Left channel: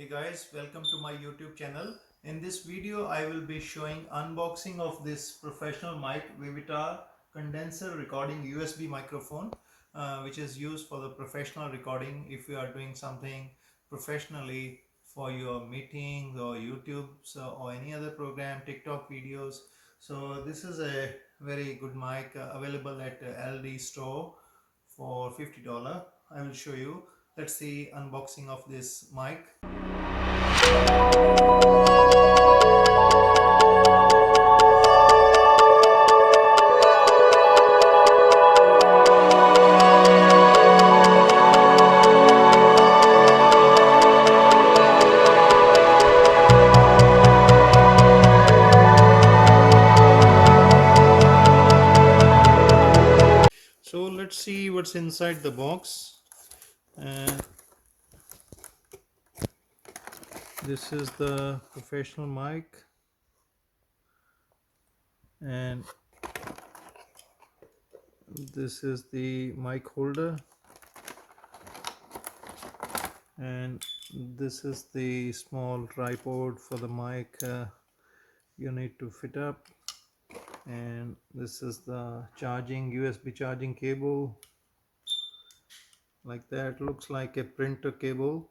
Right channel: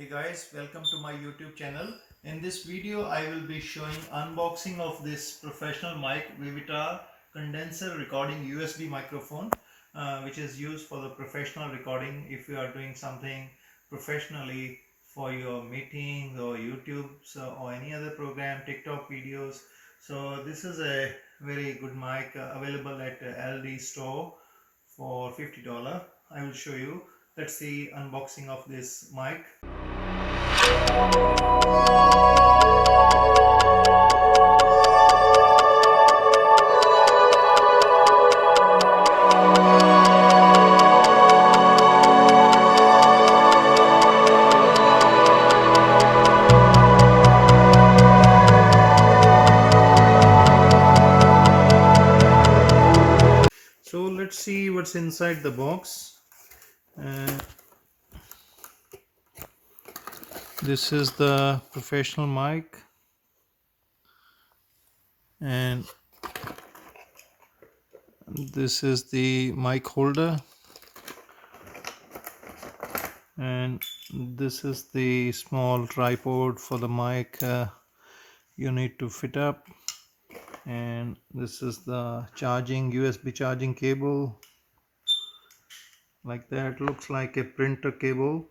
Hey guys, welcome to my YouTube channel. In this video I will be showing unboxing of this professional mic Vivitar Condenser recording USB microphone, which is used for the professional recording if you are doing something professionally for your meetings or YouTubes or any other program, TikTok videos. So this is a very good mic available at ALDI store for $50. I will show you. Let's see unboxing of this mic. So let's see what's inside the box. This is the professional mic, and this is the mic holder, and this is the small tripod for the mic you need to fit up, and this is the charging USB charging cable. Like that, looks like a printer cable.